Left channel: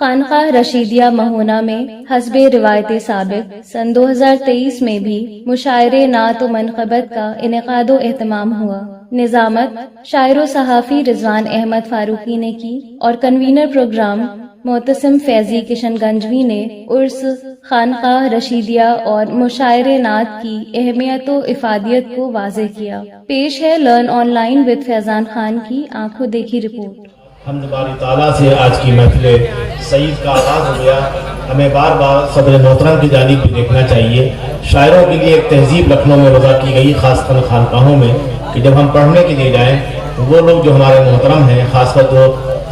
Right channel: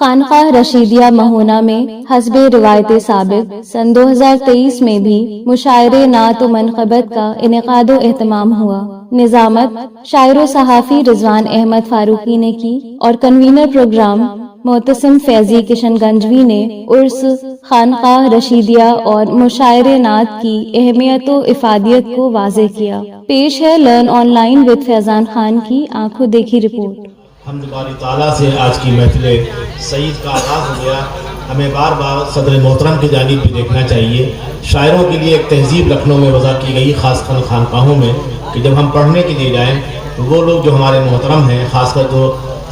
خانقاہ رشیدیہ مہونا میں حسب روایت ثابت سن 2023 میں بھی مشاعرے نعت و منقبت کا انعقاد و اہتمام ہوا۔ نظامت شاعر و صحافی رضوان احمد فاروقی نے کی اور convener programme Mutasim Faizi Kishan Ganjavi نے عرس خانقاہ رشیدیہ اور مشاعرے نعت کی اہمیت و افادیت کو واضح کیا۔ پیش ہے لرن آن لائن وتھ فیضان خان کی آنکھوں دیکھی رپورٹ۔ حمد باری تعالیٰ سے آج کی محفل سعید کا آغاز ہو گیا۔ ہمیں بار بار صدر محترم کی جانب بھی دیکھنا چاہیے۔ شاعروں کے لیے ایک تہذیب لکھنؤ میں وضع کی گئی، خاص کر خانقاہوں میں، کہ جب ہم پڑھنے کے لیے جائیں تو وہ لوگ جو ہمارے محترم ہیں، خاص کر جو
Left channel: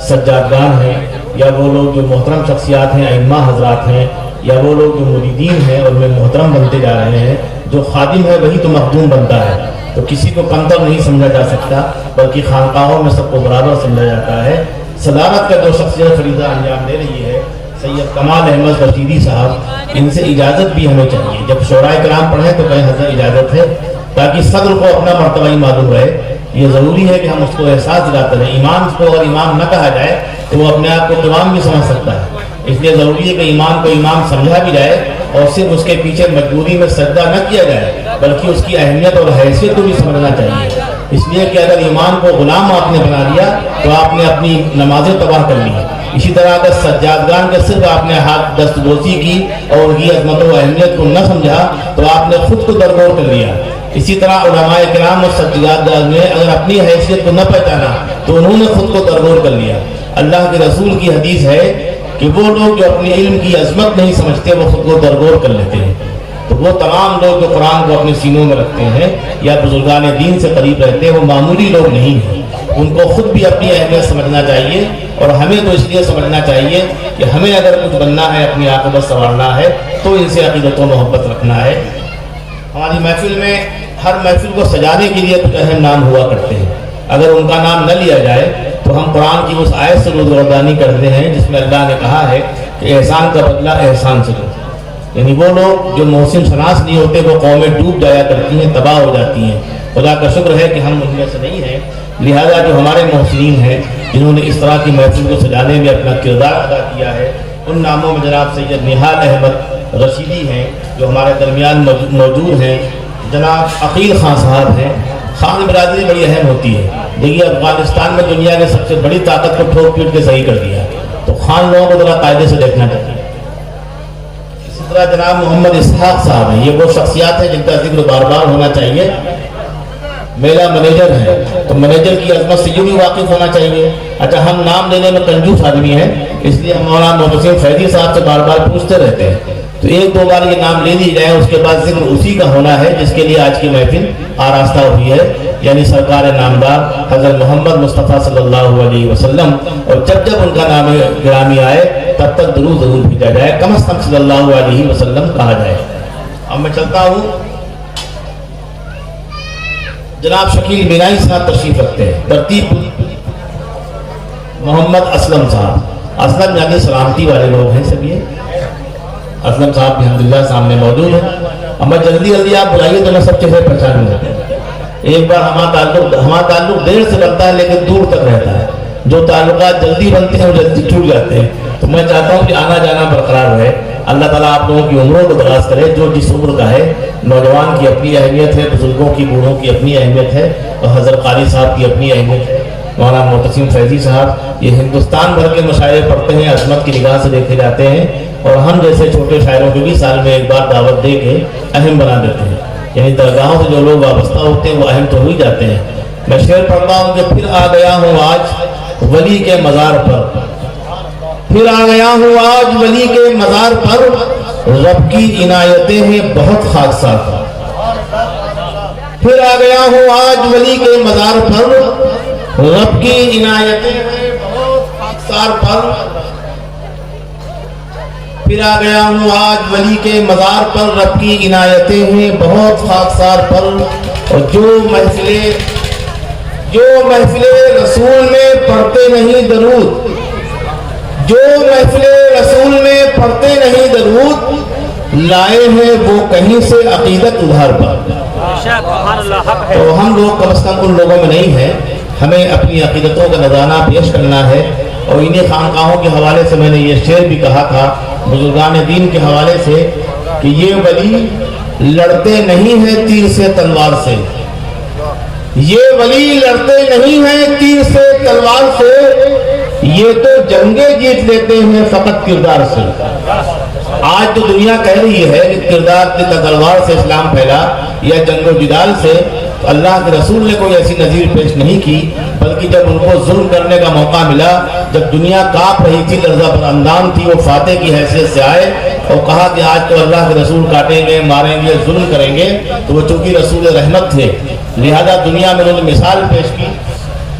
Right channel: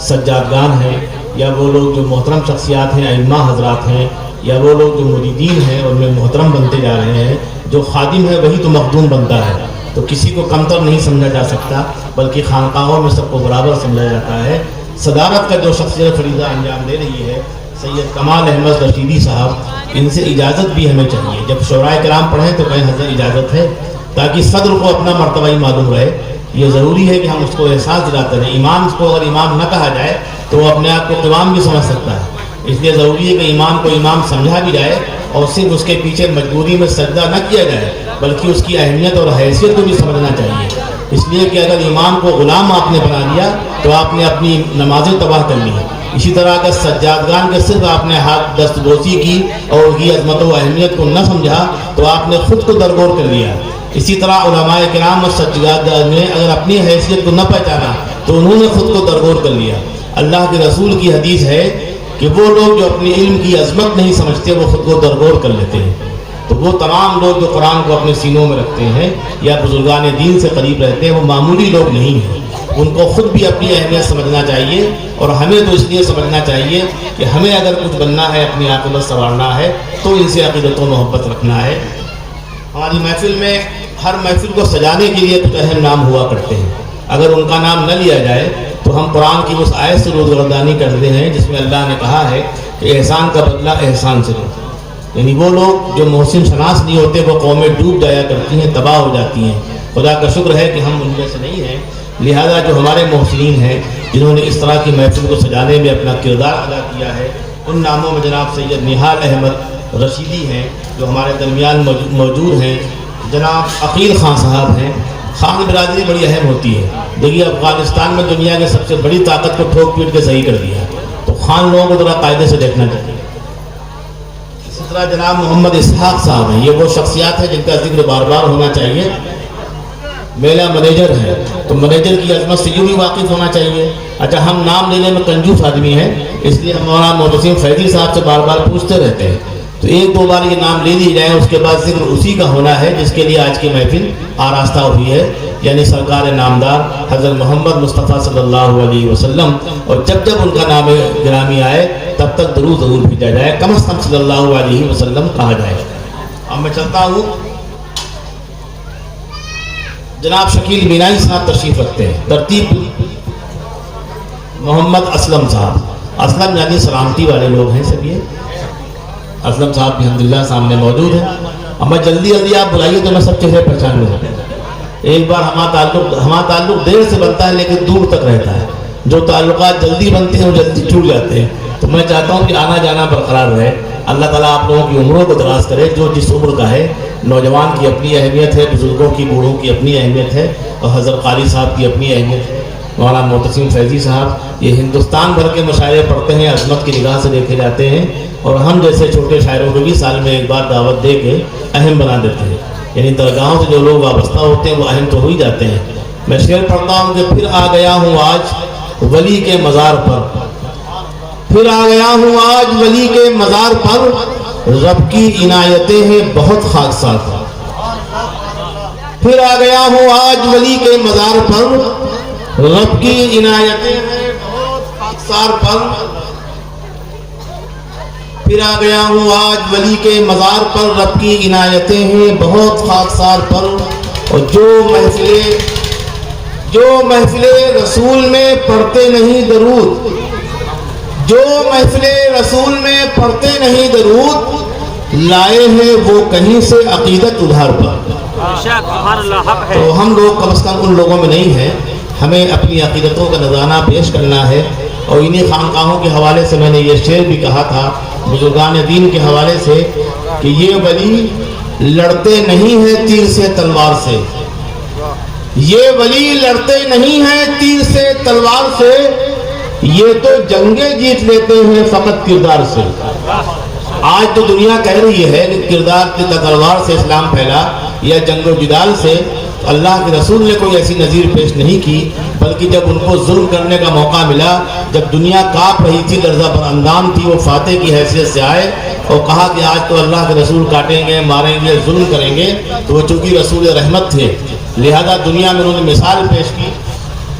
سجادگان ہیں، یا وہ لوگ جو محترم شخصیات ہیں، ائمہ حضرات ہیں، یا وہ لوگ جو مریدین ہیں اور میں محترم بنتے جا رہے ہیں، جو خادم ہے وہی تو مخدوم بنتا ہے، تو کسی کو کمتر نہیں سمجھا جا سکتا، بلکہ خانقاہوں میں سب کو برابر سمجھا جاتا ہے۔ صدارت کا جو شخصیت فریضہ انجام دے رہی ہے سید کمال احمد رشیدی صاحب، ان سے اجازت بھی ہمیں چاہیے۔ جب شعراء کرام پڑھیں تو کہیں حضرت اجازت ہے، تاکہ صدر کو اپنا مرتبہ ہی معلوم رہے۔ یہ ضروری ہے کہ ہم اس کو احساس دلاتے رہیں۔ امام کو اگر امام نہ کہا جائے تو وہ اپنے آپ کو امام بھی سمجھ سکتا ہے، اس لیے ضروری ہے کہ امام کو امام سمجھا بھی جائے، اور صرف اس کے پیچھے مجبوری میں سجدہ نہ کیا جائے، بلکہ اس کی اہمیت اور حیثیت کو بھی سمجھنا چاہیے۔ اس لیے کہ اگر امام کو غلام آپ نے بنا لیا تو آپ نے اپنی نمازیں تباہ کر لی۔ اسی طرح اگر سجادگان کے صرف آپ نے ہاتھ دستبوسی کی اور ان کی عظمت و اہمیت کو نہ سمجھا تو آپ نے خود کو درگور کر لیا۔ اسی طرح علماء کرام اور سجادگان نے اگر اپنی حیثیت کو نہ پہچانا تو انہوں نے خود کو درگور کر لیا۔ اللہ کے رسول کی حدیث ہے کہ وہ لوگ جو اپنی علم کی عظمت نہیں سمجھتے وہ خود کو درگور کر لیتے ہیں۔ تو وہ تمام لوگ جو قرآن کو اپنے سینوں میں رکھتے ہیں یا بزرگان دین سے قریب رہتے ہیں، وہ معمولی لوگ نہیں ہیں۔ ان کو خود بھی اپنی اہمیت سمجھنا چاہیے، اور ہمیں تو اس لیے سمجھنا چاہیے کہ ہمیں اگر کچھ بننا ہے، اپنی عاقبت سنوارنا ہے، تو ان سے عقیدت و محبت رکھنا ہے۔ ہماری محفل میں ہر محفل کو سجانے کے لیے کچھ اہم نام ہوا کرتے ہیں، اگر ان کا نام نہ لیا جائے تو ہم قرآن کی اس آیت سے روزگردانی کرتے ہیں جس میں اللہ نے کہا ہے کہ احسان کا بدلہ احسان سے دو۔ یعنی وہ لوگ جو محسن شناس نہیں ہوتے وہ قومیں ڈوب جایا کرتی ہیں، تباہ ہو جاتی ہیں۔ خدا کا شکر ہے کہ ہم ان میں سے نہیں ہیں، لہذا جو ہمارے محسنین ہیں جنہوں نے اس طرح کی محفل کو سجانے میں اپنا کردار ادا کیا ہے، ان ناموں میں جناب سید نہال احمد رشیدی ہیں جو ہمارے درمیان موجود ہیں، جناب عقیل خان صاحب ہیں۔ خان برادری بڑی اہم ہوتی ہے، دیکھیے افغانستان میں دنیا کے سب سے بڑی طاقت کو ٹھوک پیٹ کے صحیح کر دیا، تو خان لوگوں کو ذرا قاعدے سے دیکھنا چاہیے۔ اسی طرح جناب محمد اسحاق صاحب ہیں، یہ وہ شخصیات ہیں جن کا ذکر بار بار ہونا چاہیے۔ میلہ منیجر ہے تو منیجر کی عظمت سے بھی واقف ہونا چاہیے۔ اچھا، ہم نام لینے میں کنجوس آدمی ہیں، اس لیے ہم مولانا معتصم فیضی صاحب سے بار بار پوچھتے رہتے ہیں، تو ایک دو بار یہ نام لے لی جائے، اس کے بعد ذکر اسی کا ہونا ہے جس کے لیے آج کی محفل آراستہ ہوئی ہے، یعنی سرکار نامدار حضرت محمد مصطفیٰ صلی اللہ علیہ وسلم۔ اور جب جب ان کا نام گرامی آئے تب تک درود ضرور بھیجا جائے، کم از کم صلی اللہ علیہ وسلم کہا جائے۔ اب میں چلتا ہوں، جناب شکیل مینائی صاحب تشریف رکھتے ہیں۔ ترتیب محمد اسلم صاحب، اسلم یعنی سلامتی والے لوگ ہیں سب۔ یہ اسلم صاحب بھی الحمدللہ سامنے موجود ہیں، اور میں جلدی آپ بلائیے تو میں سب چہرے پہچان لوں۔ ایک بار ہمارا تعلق دیر سے بنتا ہے لیکن دور تک رہتا ہے، جو تعلقات جلدی بنتے ہیں وہ جلدی ٹوٹ جاتے ہیں، تو میں چاہتا ہوں کہ آنا جانا برقرار رہے۔ اللہ تعالیٰ آپ لوگوں کی عمروں کو دراز کرے، جو جس عمر کا ہے۔ نوجوان کی اپنی اہمیت ہے، بزرگوں کی بوڑھوں کی اپنی اہمیت ہے، اور حضرت قاری صاحب کی اپنی اہمیت ہے۔ مولانا معتصم فیضی صاحب یہ ہندوستان بھر کے مشاعرے پڑھتے ہیں، عظمت کی نگاہ سے دیکھے جاتے ہیں، اور ہم جیسے چھوٹے شاعروں کو بھی سال میں ایک بار دعوت دے کے اہم بنا دیتے ہیں۔ یعنی درگاہوں سے جو لوگ وابستہ ہوتے ہیں وہ اہم تو ہو ہی جاتے ہیں۔ میں شعر پڑھتا ہوں کہ پھر آ گیا ہوں آج ولی کے مزار پر، پھر آ گیا ہوں آج ولی کے مزار پر، رب کی عنایتیں ہیں بہت خاکسار پر۔ پھر آ گیا ہوں آج ولی کے مزار پر، رب کی عنایتیں ہیں بہت خاکسار پر۔ پھر آ گیا ہوں آج ولی کے مزار پر، رب کی عنایتیں ہیں بہت خاکسار پر۔ اور جو محفل رسول میں پڑھتے نہیں درود، جو محفل رسول میں پڑھتے نہیں درود، لائے ہیں وہ کہیں سے عقیدت ادھار پر۔ تو ہم لوگ کم از کم ان لوگوں میں نہیں ہیں، ہمیں اپنی عقیدتوں کا نذرانہ پیش کرنا ہے۔ اور انہیں خانقاہوں کے حوالے سے میں نے یہ شعر بھی کہا تھا بزرگان دین کے حوالے سے کہ یہ ولی لڑتے نہیں ہیں تیر سے تلوار سے، یہ ولی لڑتے نہیں ہیں تیر سے تلوار سے، یہ تو جنگیں جیت لیتے ہیں فقط کردار سے۔ آج تو دنیا کہہ رہی ہے کہ کردار کی تلوار سے اسلام پھیلا یا جنگ و جدال سے، تو اللہ کے رسول نے کوئی ایسی نظیر پیش نہیں کی، بلکہ جب ان کو ظلم کرنے کا موقع ملا، جب دنیا کانپ رہی تھی، لرزہ پر اندام تھی، وہ فاتح کی حیثیت سے آئے اور کہا کہ آج تو اللہ کے رسول کاٹیں گے، ماریں گے، ظلم کریں گے، تو وہ چونکہ رسول رحمت تھے لہذا دنیا میں انہوں نے مثال پیش کی۔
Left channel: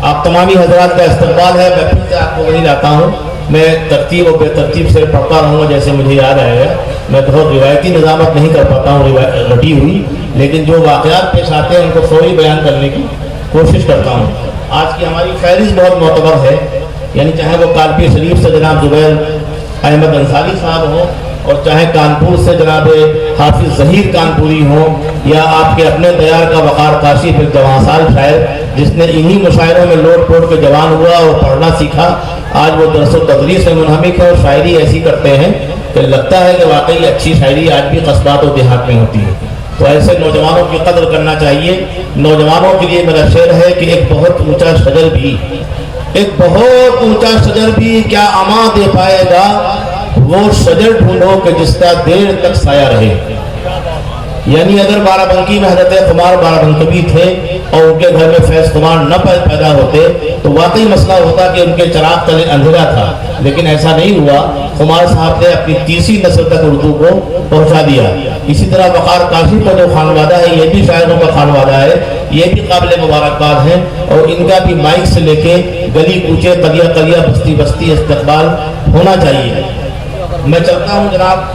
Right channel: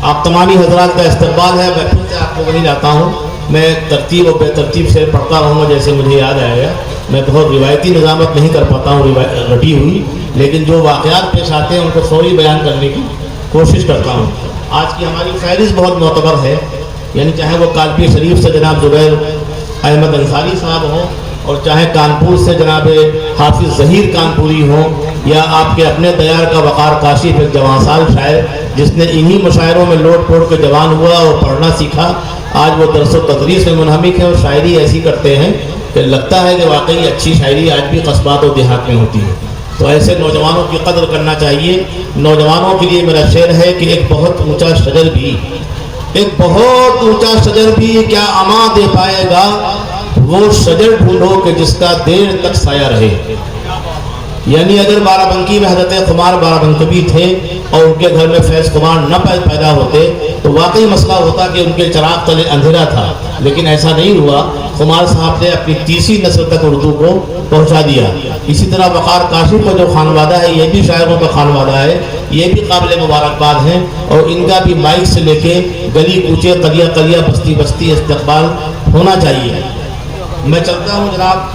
آپ تمامی حضرات کا استقبال ہے، میں پھر سے آپ کو وہی لاتا ہوں، میں ترتیب اور بے ترتیب سے پڑھتا رہوں گا جیسے مجھے یاد آئے گا، میں بہت روایتی نظامت نہیں کر پاتا ہوں رٹی ہوئی، لیکن جو واقعات پیش آتے ہیں ان کو فوری بیان کرنے کی کوشش کرتا ہوں۔ آج کی ہماری فہرست بہت معتبر ہے، یعنی چاہے وہ کالپی شریف سے جناب زبیر احمد انصاری صاحب ہوں، اور چاہے کانپور سے جناب حافظ ظہیر کانپوری ہوں، یا آپ کے اپنے دیار کا وقار کاشف ایک جوان سال شاعر جس نے انہی مشاعروں میں لوٹ پوٹ کے جوان ہوا اور پڑھنا سیکھا، آج وہ درس و تدریس میں منہمک ہے اور شاعری ایسی کرتے ہیں کہ لگتا ہے کہ واقعی اچھی شاعری آج بھی قصبات و دیہات میں ہوتی ہے۔ تو ایسے نوجوانوں کی قدر کرنا چاہیے۔ نوجوانوں کے لیے میرا شعر ہے کہ ایک بہت اونچا شجر بھی، ایک بہت اونچا شجر بھی کیا اما دے پائے گا، وہ شجر ڈھونڈو کہ جس کا دیر تک سایہ رہے۔ یعنی اگر بارہ بنکی میں حضرت خمار بارہ بنکبی تھے اور ان کے گھر میں فیض خمار نہ پیدا ہوتے تو واقعی مسئلہ ہوتا کہ ان کے چراغ تلے اندھیرا تھا، لیکن ایسا نہیں ہوا۔ خمار صاحب نے اپنی تیسری نسل تک اردو کو پہنچا دیا۔ اسی طرح وقار کاشف کا جو خانوادہ ہے یہ بھی شاعروں کا خانوادہ ہے، یہ بھی قابل مبارکباد ہیں، اور ان کا بھی مائک سے لے کے گلی کوچے قلیہ قلیہ بستی بستی استقبال ہونا چاہیے۔ میں چلتا ہوں جناب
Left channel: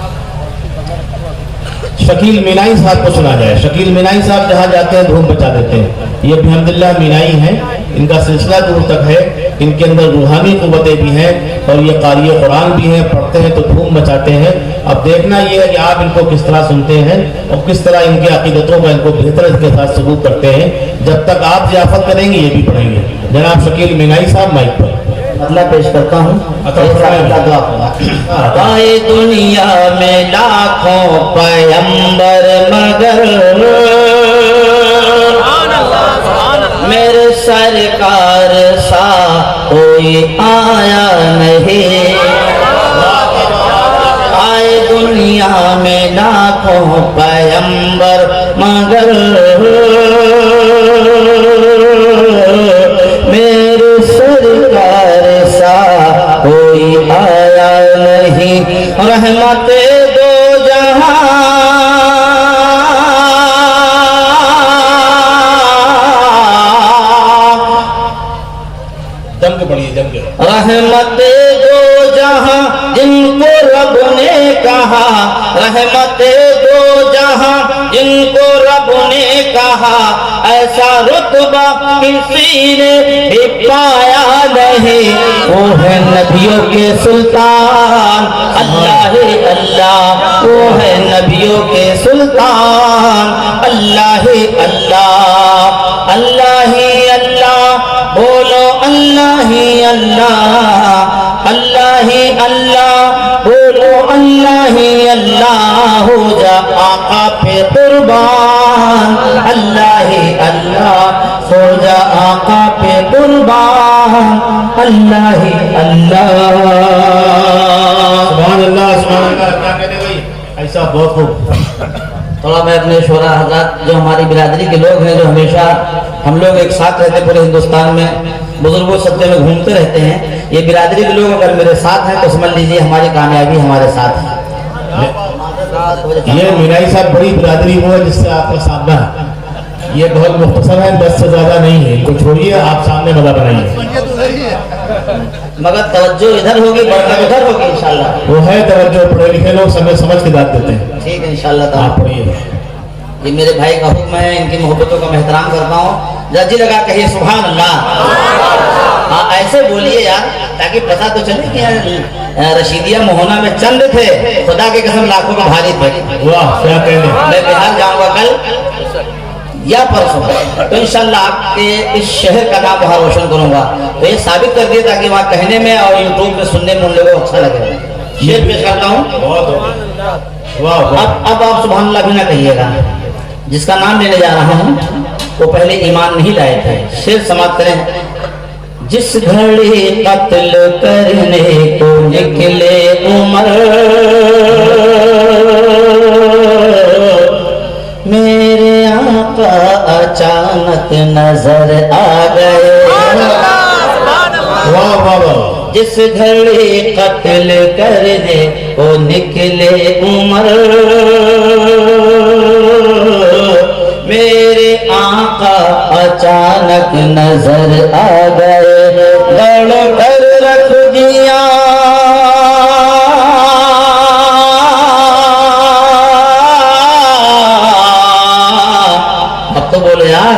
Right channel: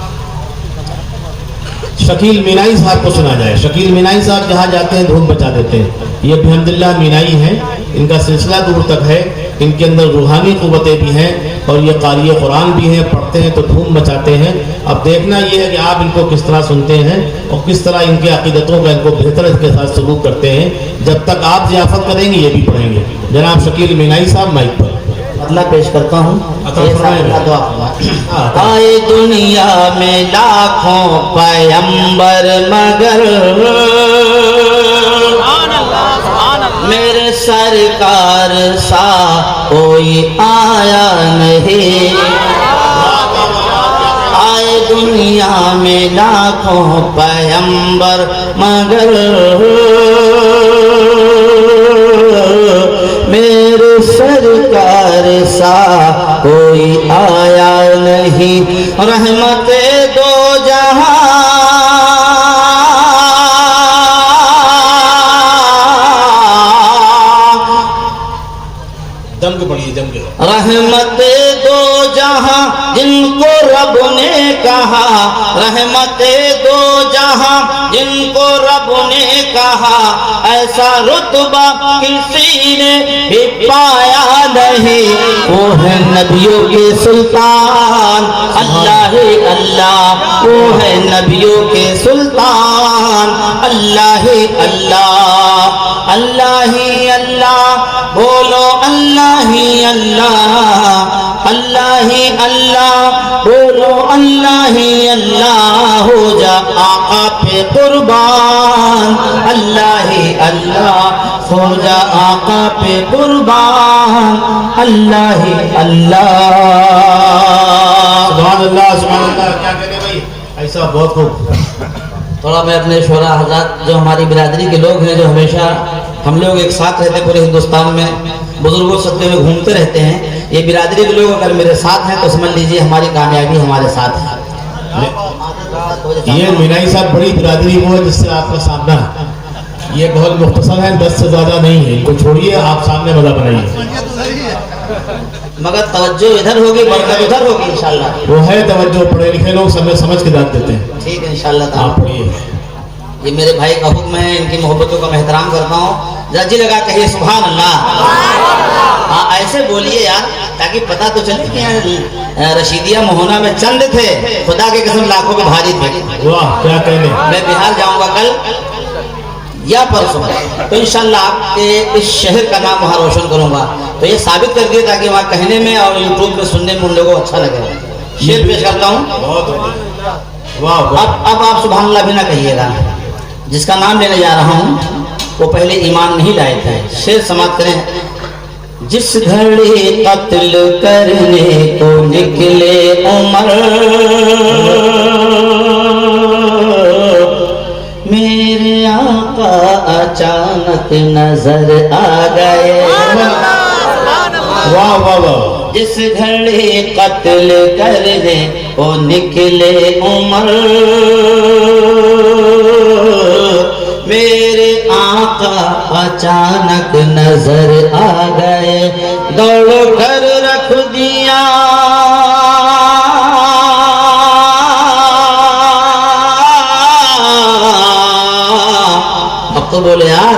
شکیل مینائی صاحب کو سنا جائے۔ شکیل مینائی صاحب جہاں جاتے ہیں دھوم بچا دیتے ہیں۔ یہ بحمداللہ مینائی ہیں، ان کا سلسلہ دور تک ہے، ان کے اندر روحانی قوتیں بھی ہیں اور یہ قاری قرآن بھی ہیں، پڑھتے ہیں تو دھوم مچاتے ہیں۔ اب دیکھنا یہ ہے کہ آپ ان کو کس طرح سنتے ہیں اور کس طرح ان کے عقیدتوں کا ان کو بہتر اس کے ساتھ سلوک کرتے ہیں۔ جب تک آپ ضیافت کریں گے یہ بھی پڑھیں گے۔ جناب شکیل مینائی صاحب مائک پر۔ مطلب پیش کرتا ہوں۔ آئے دنیا میں لاکھوں پیغمبر مگر میرے سرکار سا کوئی آیا نہیں۔ آئے دنیا میں لاکھوں پیغمبر مگر میرے سرکار سا کوئی آیا نہیں۔ رحمت دو جہاں رحمت دو جہاں جن کو رب نے کہا، رحمت دو جہاں جن کو رب نے کہا، ایسا رتبہ کسی نے بھی پایا نہیں۔ وہ ہے نبیوں کے سلطان اللہ اللہ، وہ ہے نبیوں کے سلطان اللہ اللہ، اللہ اللہ بولو اللہ ہی اللہ، اللہ ہی اللہ بولو اللہ ہی اللہ، ہو جا آقا پہ قربان اللہ ہی اللہ، ہو جا آقا پہ قربان اللہ ہی اللہ۔ سبحان اللہ سبحان اللہ، کیا کہتے بھائی، ایسا بہت خوب۔ تھوڑا میں اپنے شعراء حضرات جو ہماری برادری کے لوگ ہیں، جو ہمیشہ ہم لوگ ایک ساتھ رہتے پورے ہندوستان میں، بزرگوں صدقے میں گھومتے رہتے ہیں، یہ برادری کے لوگ اگر میرے ساتھ ہیں تو سمجھ لیجئے ہماری کامیابی ہمارے ساتھ ہے۔ یہ مینائی صاحب بڑی برادری وہ ہے جس سے آپ کا سامنا ہے، یہ بہت مختصر ہے، 10 سے زیادہ نہیں ہے، ان کو چھوڑیے آپ سامنے مزہ بنائیے، مگر توجہ ادھر ہوگی برکت ادھر ہوگی انشاءاللہ۔ وہ ہے توجہ، پڑھے لکھے لوگ سمجھ کے داد دیتے ہیں۔ ٹھیک ہے انشاءاللہ آپ تعالیٰ، پڑھیے۔ یہ میرے بھائی کا حکم ہے، ان کی محبتوں کا میں احترام کرتا ہوں، جی لگا کہیے سبحان اللہ۔ ہاں ایسے بولیے یار تاکہ پتہ تو چلے کہ رشیدیہ مہونا میں چند تھے، خدا کے قسم لاکھوں کے بھاری تھے۔ واہ کیا کہنے۔ میں بہار جاؤں گا کل، یا پرسوں تو انشاءاللہ آپ کے اس شہر کا نام وہاں روشن کروں گا. تو یہ ثابت کر دیا تاکہ وہاں کہنے میں اور یوٹیوب پہ سننے میں ان لوگوں کو اچھا لگے. شعر پیش کرتا ہوں. اب آپ سبحان اللہ بھی نہ کہیے گا. جس کا نام لینے جا رہا ہوں وہ پہلے ایمان نہیں لائے تھے. شعر سماعت کریں. جس گھڑی قتل کرنے کو نکلے عمر میرے آقا اچانک نظر آ گئے. واہ واہ واہ. جس گھڑی قتل کرنے کو نکلے عمر میرے آقا اچانک نظر آ گئے. دوڑ کر رکھ دیا اب تو بولے یار.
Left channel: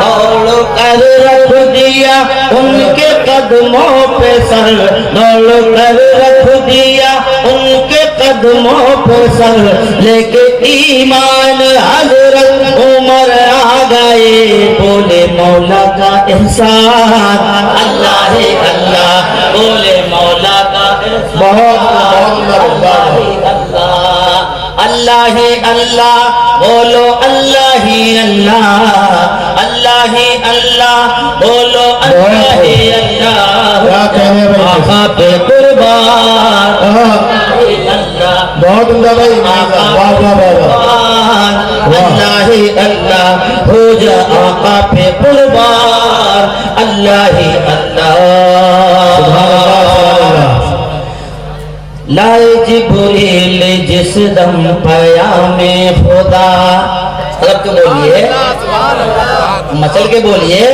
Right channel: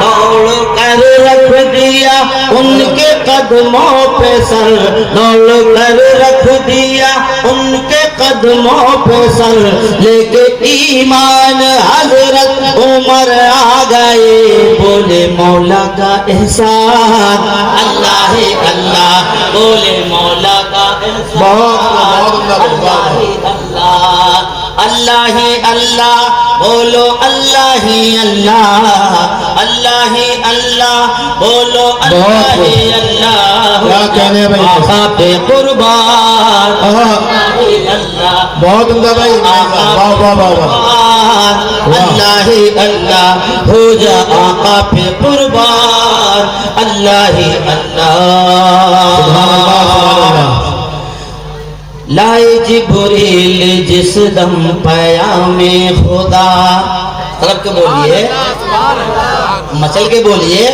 دوڑ کر رکھ دیا ان کے قدموں پہ سر. دوڑ کر رکھ دیا ان کے قدموں پہ سر. لے کے ایمان حضرت عمر آ گئے. بولے مولا کا احسان اللہ اللہ. بولے مولا کا احسان اللہ اللہ. بولو اللہ اللہ اللہ اللہ. بولو اللہ اللہ. آقا پہ قربان اللہ. بہت عمدہ بھائی. واہ واہ واہ. اللہ اللہ. ہو جا آقا پہ قربان اللہ اللہ. لائے جبریل جس دم پیام خدا. طرف کے بولیے مچل کے بولیے.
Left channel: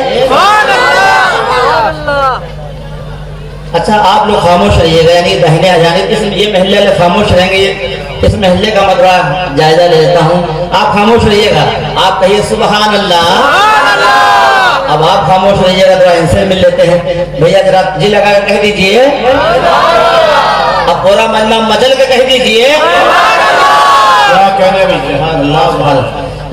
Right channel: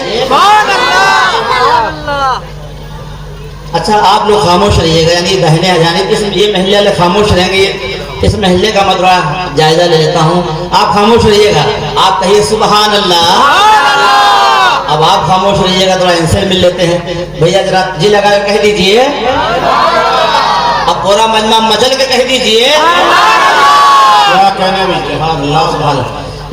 اچھا آپ لوگ خاموش رہیے گا. یعنی دہنے اجانب یہ محلے والے خاموش رہیں گے. اس محلے کا مدرہ جائزہ لے لیتا ہوں. آپ خاموش رہیے گا. آپ کہیے سبحان اللہ. اب آپ خاموش رہیے گا. تھوڑا ان سے مل لیتے ہیں. بھیا ذرا جی لگا کے کہہ دیجئے. اب پورا مجمع مچل کے کہہ دیجئے. کیا کہنے بھائی.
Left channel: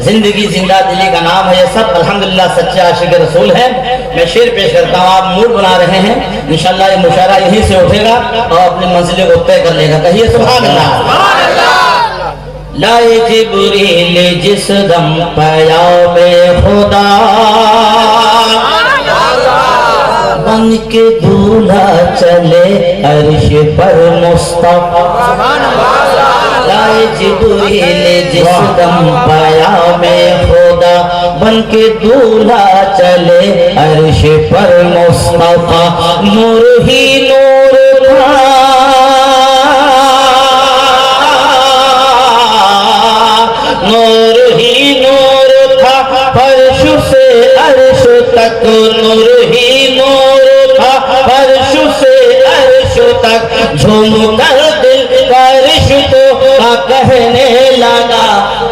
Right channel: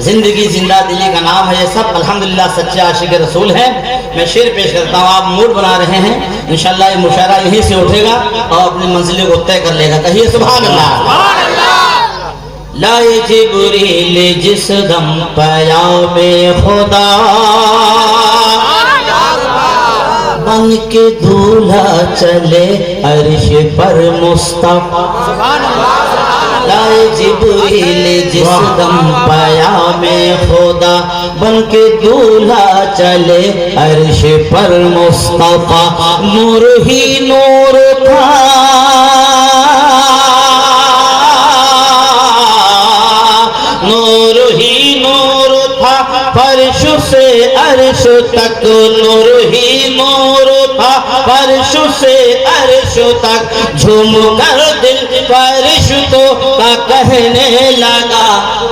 زندگی زندہ دلی کا نام ہے یہ سب. الحمدللہ سچے عاشق رسول ہیں. میں شعر پیش کرتا ہوں. آپ موڈ بنا رہے ہیں. انشاءاللہ یہ مشاعرہ یہیں سے اٹھے گا اور اپنی منزلوں کو طے کر لے گا. کہیے سبحان اللہ. لائے جبریل جس دم پیام خدا بن کے دولہا چلے عرش پر مصطفیٰ. لائے جبریل جس دم پیام خدا بن کے دولہا چلے عرش پر مصطفیٰ. نور ہی نور تھا نور ہی نور تھا فرش سے عرش تک. نور ہی نور تھا فرش سے عرش تک. جھوم کر دل فرش تو کہنے لگا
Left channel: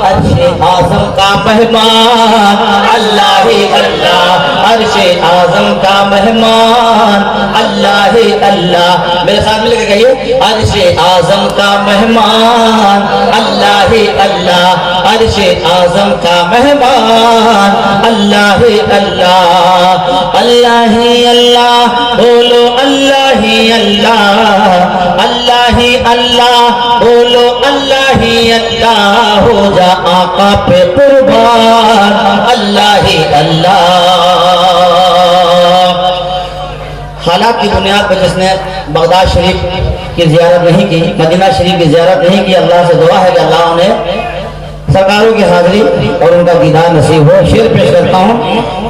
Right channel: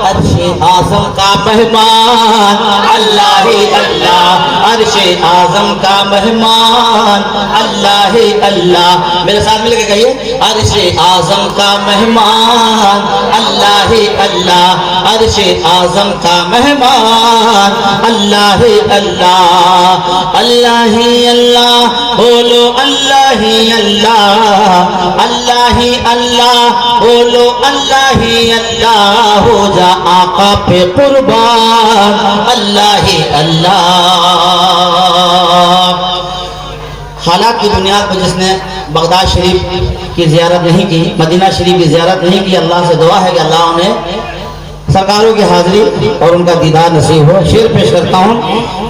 عرش اعظم کا مہمان اللہ اللہ. عرش اعظم کا مہمان اللہ اللہ. میرے ساتھ مل کے کہیے عرش اعظم کا مہمان اللہ اللہ. عرش اعظم کا مہمان اللہ اللہ. اللہ اللہ. بولو اللہ اللہ اللہ اللہ. بولو اللہ اللہ. ہو جا آقا پہ قربان اللہ اللہ. حالات کی بنیاد پر جس نے بغداد شریف کی زیارت نہیں کی, مدینہ شریف کی زیارت نہیں کی, اللہ سے دعا ہے کہ اللہ انہیں سرکاروں کی حاضری اور ان کا دیدار نصیب ہو. شعر پیش کرتا ہوں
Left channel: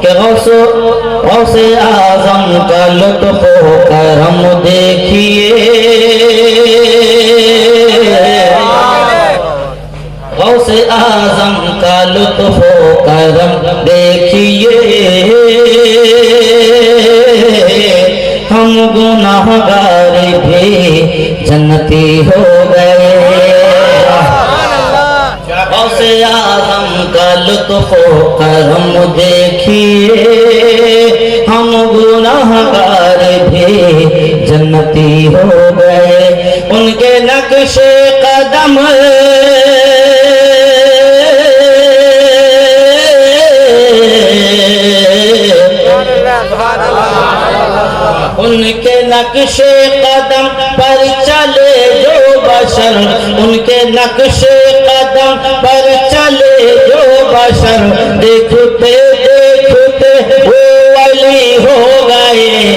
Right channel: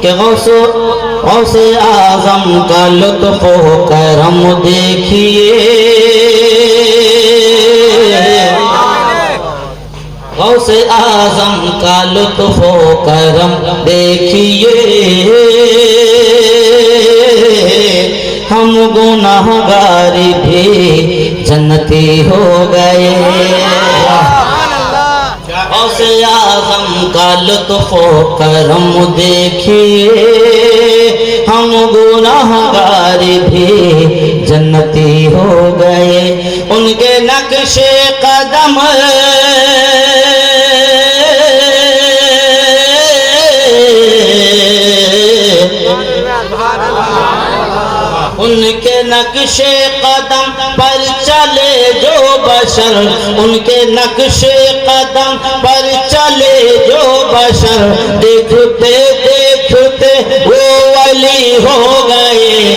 کہ غوث اعظم کا لطف و کرم دیکھیے. غوث اعظم کا لطف و کرم دیکھیے. ہم گناہگار بھی جنتی ہو گئے. غوث اعظم کا لطف و کرم دیکھیے. ہم گناہگار بھی جنتی ہو گئے. ان کے نقش قدم چلے جو بشر ان کے نقش قدم پر چلے جو بشر دیکھتے دیکھتے وہ ولی ہو گئے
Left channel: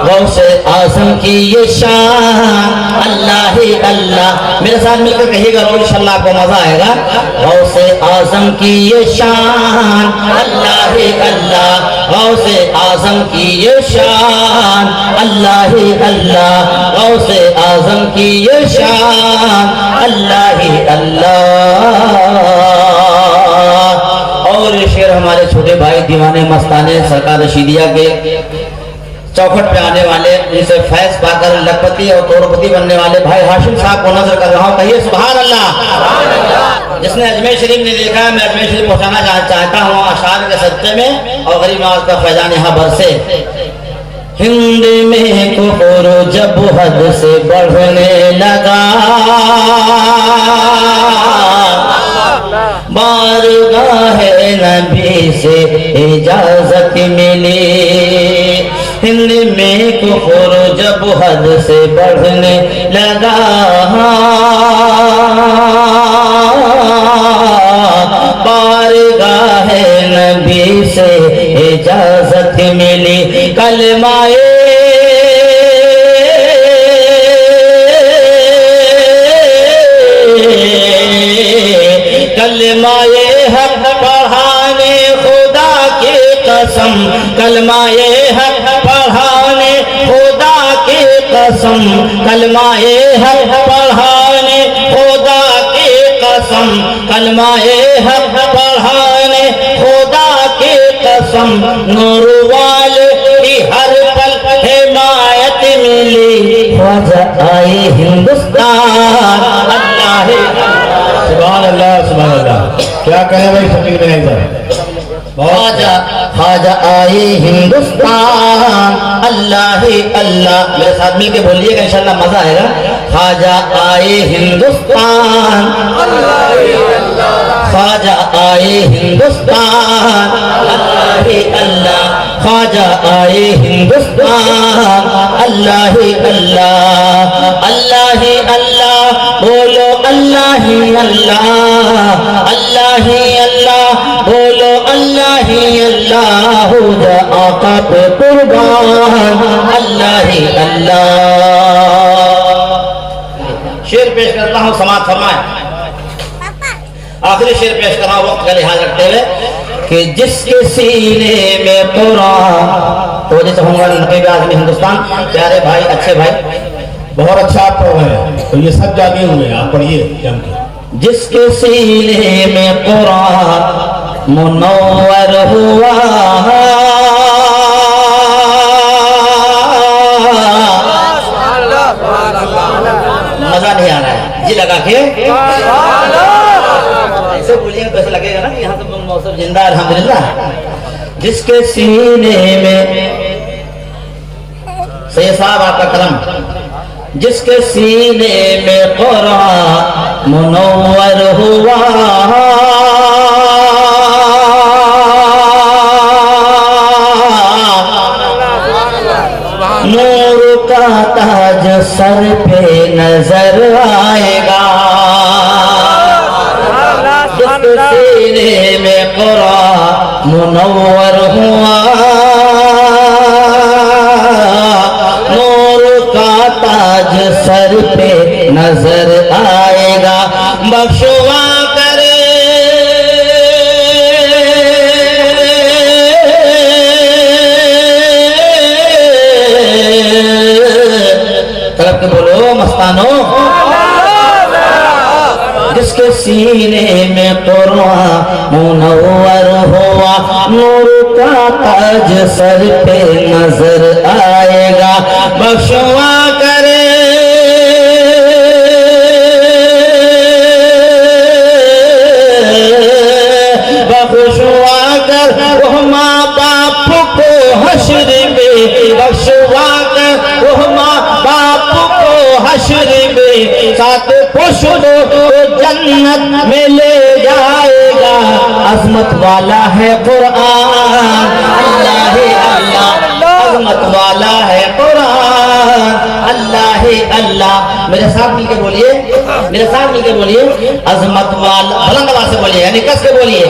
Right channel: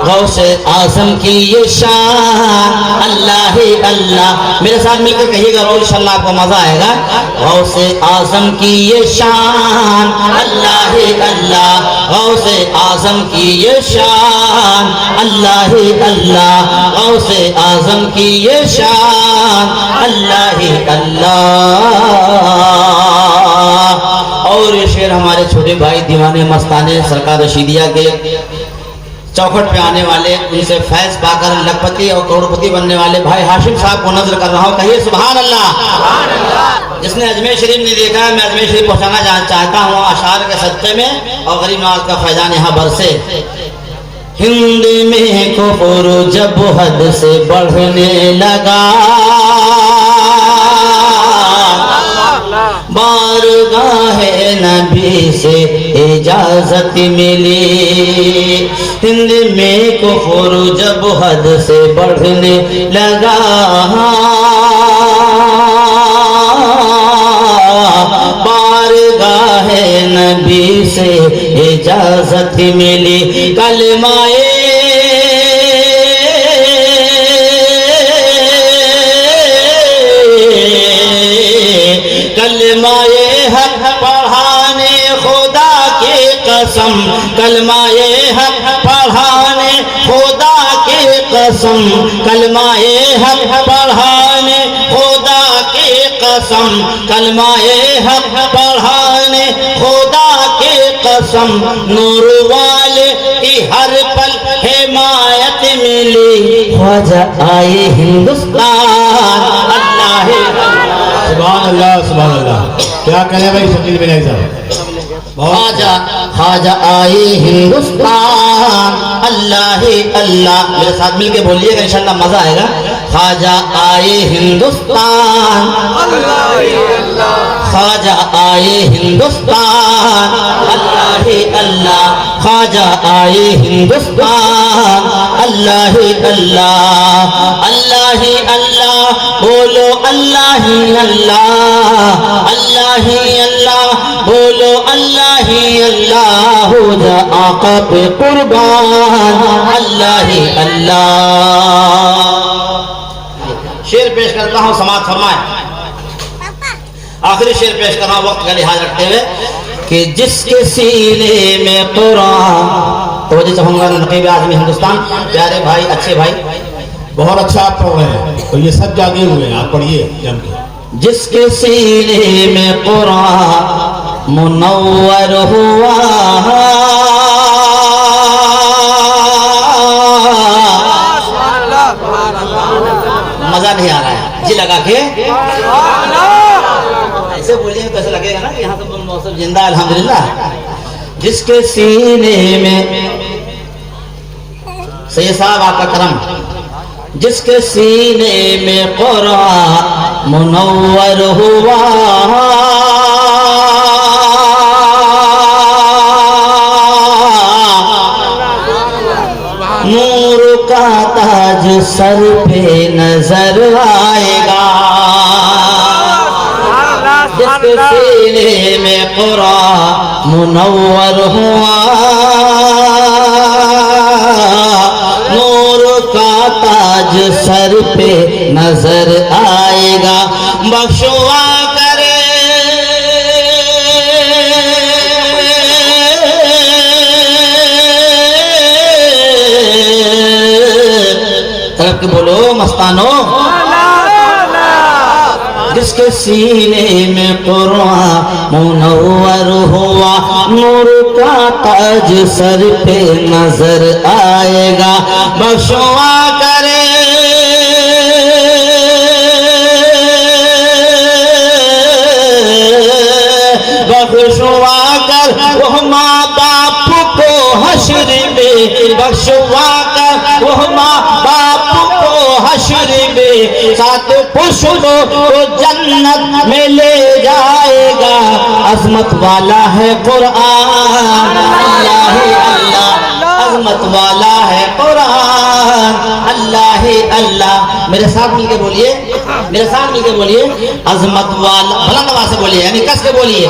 غوث اعظم کی یہ شان اللہ ہی اللہ میرے ساتھ مل کر کہیے گا انشاءاللہ آپ کو مزہ آئے گا غوث اعظم کی یہ شان اللہ ہی اللہ غوث اعظم کی یہ شان اللہ ہی اللہ غوث اعظم کی یہ شان اللہ ہی اللہ اور یہ شعر ہمارے چھوٹے بھائی دیوانے مستانے سرکار رشیدیہ کے چوکھٹ پہ آنے والے ان سے فیض پا کر لکھپتی اور کروڑپتی بننے والے بھائی ہاشم صاحب کو نظر کر رہا ہوں کہیے سبحان اللہ جس نے اجمیر شریف نہیں دیکھا ہے میں اجمیر شریف پہنچانا چاہتا ہوں اشعار کے صدقے میں اور غریب نواز کا فیضان یہاں برسے ہند میں کفر جب حد سے بڑھنے لگا بارگاہ نبی سے اجازت ملی ہند میں کفر جب حد سے بڑھنے لگا بارگاہ نبی سے اجازت ملی کلمہ حق پڑھانے خدا کی قسم کلمہ حق پڑھانے خدا کی قسم کلمہ حق پڑھانے خدا کی قسم کلمہ حق پڑھانے خدا کی قسم نور والے کی ہر پل حمایت ملی خواجہ آئے ہندوستان اللہ سبحان اللہ سبحان اللہ کیا کہیں بھائی فقیر میں نہیں صاحب خواجہ آئے ہندوستان اللہ ہی اللہ میرے ساتھ مل کے بولیے گا انشاءاللہ مزہ آئے گا خواجہ آئے ہندوستان اللہ ہی اللہ خواجہ آئے ہندوستان اللہ ہی اللہ خواجہ آئے ہندوستان اللہ ہی اللہ اللہ ہی اللہ بولو اللہ ہی اللہ اللہ ہی اللہ بولو اللہ ہی اللہ ہو جا آقا پہ قربان اللہ ہی اللہ شعر پیش کرتا ہوں سماعت فرمائیں آخری شعر پیش کر رہا ہوں وقت کا لحاظ رکھتے ہوئے کہ جس کے سینے میں قرآن توجہ چاہوں گا نقیب اعظم ہندوستان پیارے بھائی اچھے بھائی بہت اچھا آپ پڑھ رہے ہیں تو یہ سب جاگے ہوئے ہیں آپ پڑھیے جس کے سینے میں قرآن منور ہوا مزہ نہیں آ رہا ہے جی لگا کے ایسے بولیے تو ایسا لگے گا نا کہ یہاں تو موسم زندہ الحمدللہ جس کے سینے میں سید صاحب آپ کا کرم جس کے سینے میں قرآن منور ہوا نور کا تاج سر پہ نظر آئے گا جس کے سینے میں قرآن منور ہوا نور کا تاج سر پہ نظر آئے گا بخشوا کرے طلب کے بولو مستانو جس کے سینے میں قرآن منور ہوا نور کا تاج سر پہ نظر آئے گا بخشوا کرے بخشوا کر وہ ماں باپ کو حشر میں بخشوا کر وہ ماں باپ کو حشر میں ساتھ پشتوں کو جنت میں لے جائے گا عظمت والا ہے قرآن اللہ اللہ عظمت والا ہے قرآن، اللہ اللہ، میرے ساتھ مل کے بولیے، میرے ساتھ مل کے بولیے، عظمت والا، بلند آواز سے بولیے، یعنی کس کے بولیے،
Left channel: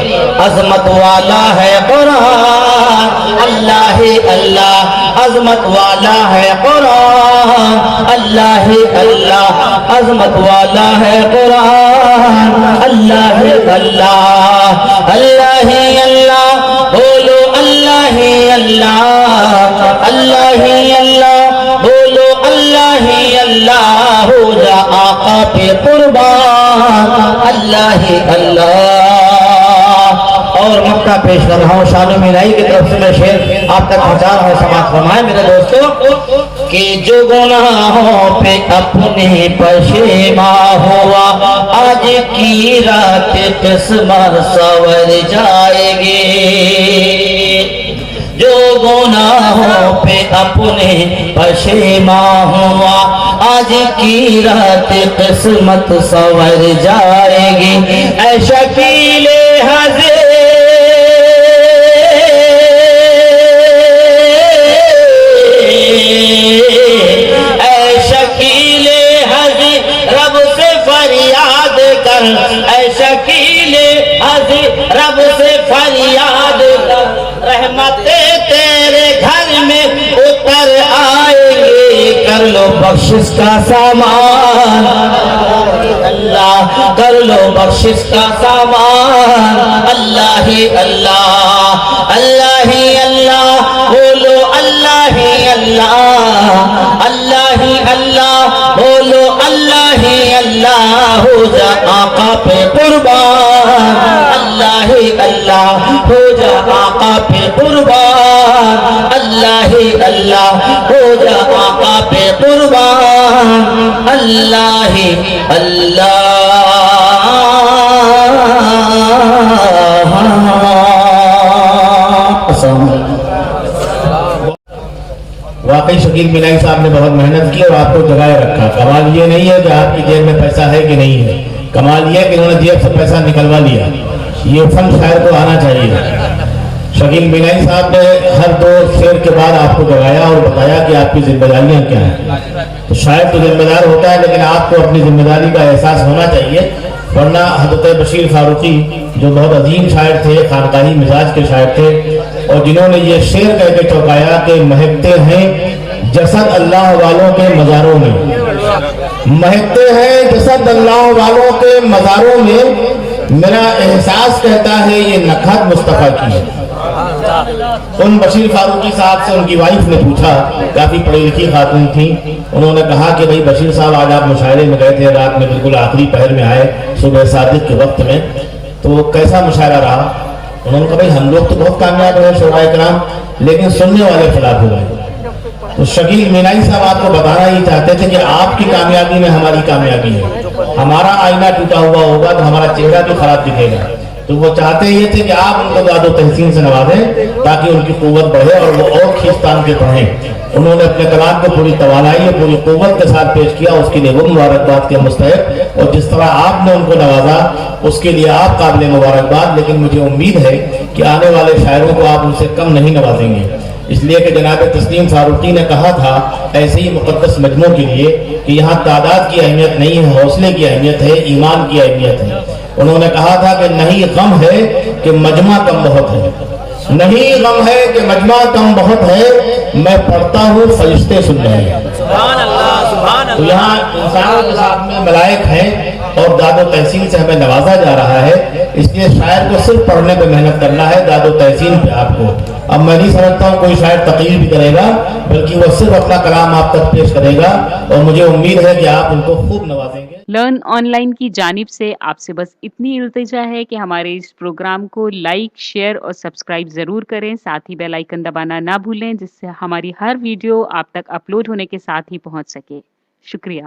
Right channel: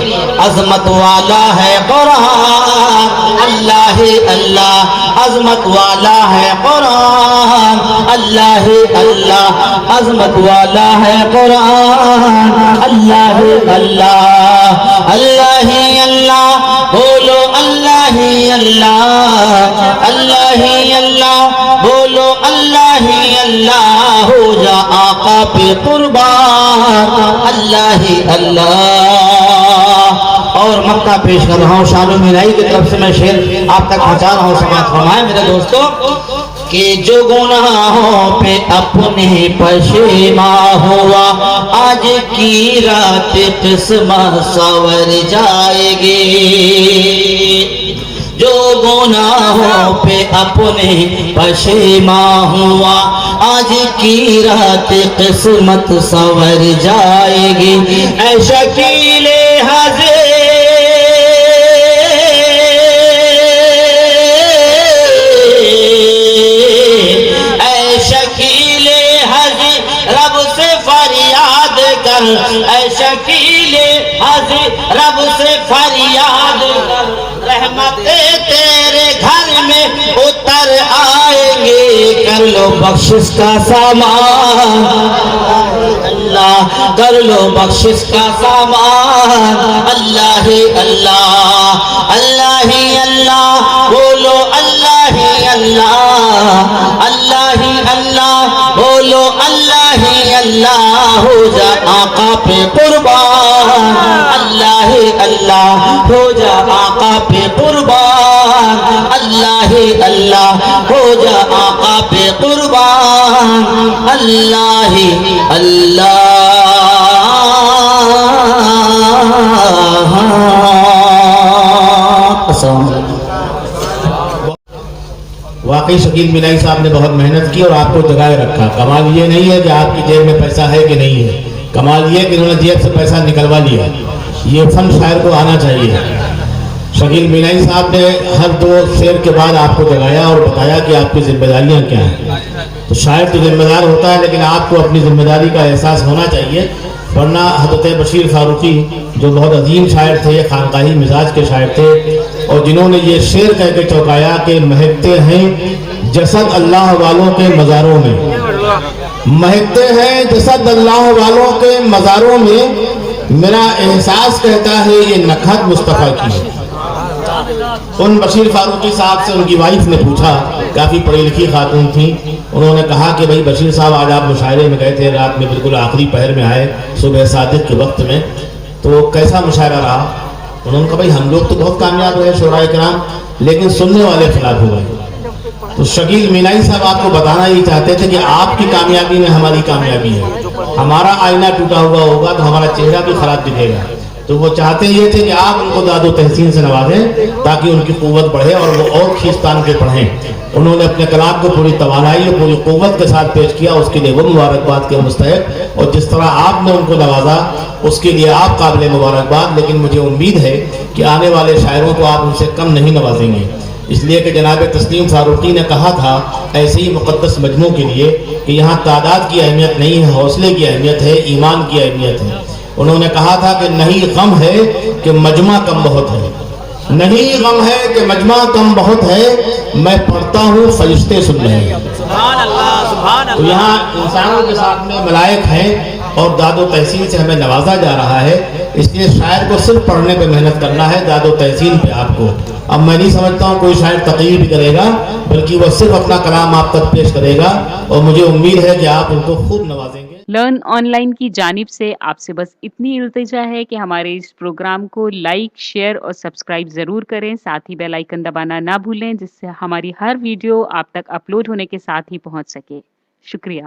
عظمت والا ہے قرآن، اللہ اللہ، عظمت والا ہے قرآن، اللہ اللہ، عظمت والا ہے قرآن، اللہ اللہ، اللہ اللہ، بولو اللہ اللہ، اللہ اللہ، بولو اللہ اللہ، ہو جا آقا پہ قربان، اللہ اللہ۔ اور مکہ پیش کر رہا ہوں، شامل مینائی کی طرف سے میں شعر آپ تک پہنچا رہا ہوں، سماعت فرمائیں میرے دوستو، کہ جو گناہوں پہ اپنے پشیماں ہوا، آج کی رات قسمت سنور جائے گی، جو گناہوں پہ اپنے پشیماں ہوا، آج کی رات قسمت سنور جائے گی، اے شکیل حضر رب سے فریاد کر، اے شکیل حضر رب سے فریاد کر، رحمتیں تیرے گھر میں اتر آئیں گے، کر لو بخشش کا سامان، اللہ کر لو بخشش کا سامان، اللہ اللہ، اللہ اللہ، بولو اللہ اللہ، اللہ اللہ، بولو اللہ اللہ، ہو جا آقا پہ قربان، اللہ اللہ، ہو جا آقا پہ قربان، اللہ اللہ، ہو جا آقا پہ قربان، اللہ اللہ۔ واقعی شکیل مینائی صاحب نے بہت محنت کی اور آپ کو جگائے رکھا۔ کمال یہ نہیں ہے کہ آپ کی جیب میں پیسہ ہے کہ نہیں ہے، کمال یہ ہے کہ انہوں نے جیب سے پیسہ نکلوا لیا۔ یہ فن شاعر کو آنا چاہیے۔ شکیل مینائی صاحب نے ہر دو شعر کے بعد آپ کو جگایا اور بتایا کہ آپ کی ذمہ داریاں کیا ہیں۔ تو شاعر تو ذمہ دار ہوتا ہے، لیکن آپ کو اپنی ذمہ داری کا احساس ہونا چاہیے، ورنہ حضرت بشیر فاروقی جو بہت عظیم شاعر تھے، خانقاہی مزاج کے شاعر تھے، اور جنہوں نے یہ شعر کہہ کے چوکایا کہ مہکتے ہیں جسد اللہ والوں کے مزاروں میں، مہکتے ہیں جسد اللہ والوں کے مزاروں میں، میرا احساس کہتا ہے یہ نکھت مصطفیٰ کی ہے۔ ان بشیر فاروقی صاحب سے ان کی وائف نے پوچھا، کافی پڑھی لکھی خاتون تھی، انہوں نے کہا کہ بھائی بشیر صاحب آج آپ مشاعرے میں گئے تھے، رات میں بالکل آخری پہر میں آئے، صبح صادق کے وقت میں، تو کیسا مشاعرہ رہا؟ انہوں نے کہا بھائی ہم لوگ تو بہت کامیاب رہے شعراء کرام، لیکن سننے والے فلاد ہو گئے۔ تو شکیل مینائی صاحب آپ کو بتانا یہ چاہتے تھے کہ آپ کی کامیابی میں ہماری کامیابی ہے، ہمارا آئینہ ٹوٹا ہوا ہوگا تو ہمارا چہرہ بھی خراب دکھے گا، تو وہ چاہتے یہ تھے کہ آپ ان کو داد و تحسین سے نوازیں تاکہ ان کی قوت بڑھے اور وہ اور کھینچتان کے پڑھیں۔ انہوں نے اپنے کلام کو پوری توانائی اور پوری قوت کے ساتھ پیش کیا، اس کے لیے وہ مبارکباد کے مستحق، اور جس طرح آپ نے ان کو نوازا اس کے لیے آپ قابل مبارکباد۔ لیکن مجھے امید ہے کہ آنے والے شاعروں کو آپ ان سے کم نہیں نوازیں گے، اس لیے کہ جناب تسلیم فاروقی نے کہا تھا ایسے ہی مقدس مجموع کے لیے کہ یہاں تعداد کی اہمیت نہیں ہے، حوصلے کی اہمیت ہے، ایمان کی اہمیت ہے۔ انہوں نے کہا تھا کہ نہیں غم ہے کہ مجمع کم بہت ہے، نہیں غم ہے کہ مجمع کم بہت ہے، میں پڑھتا ہوں فرشتے سن رہے ہیں۔ سبحان اللہ، سبحان تو اللہ۔ یہاں انسانوں کے ساتھ میں ملائک ہیں اور داد و تحسین سے ہمیں نوازا جا رہا ہے، اس لیے شاعر کو صرف پڑھنے پہ محنت کرنا ہے، داد و تحسین پہ آپ کو۔ اب میں نہیں سمجھتا ہوں کوئی شاعر تقریر بھی کرے گا، بلکہ وہ صرف اپنا کلام آپ تک پیش کرے گا، اور مجھے امید ہے کہ آپ ان کو خوب نوازیں گے۔ لرن آن لائن کی جانب سے آپ سے بس اتنی التجا ہے کہ ہمارے اس پروگرام کو لائک، شیئر اور سبسکرائب ضرور کریں، ساتھ ہی بیل آئیکن دبانا نہ بھولیں، جس سے ہماری ہر ویڈیو آپ تک اپلوڈ ہونے کے ساتھ ہی پہنچ سکے۔ شکریہ۔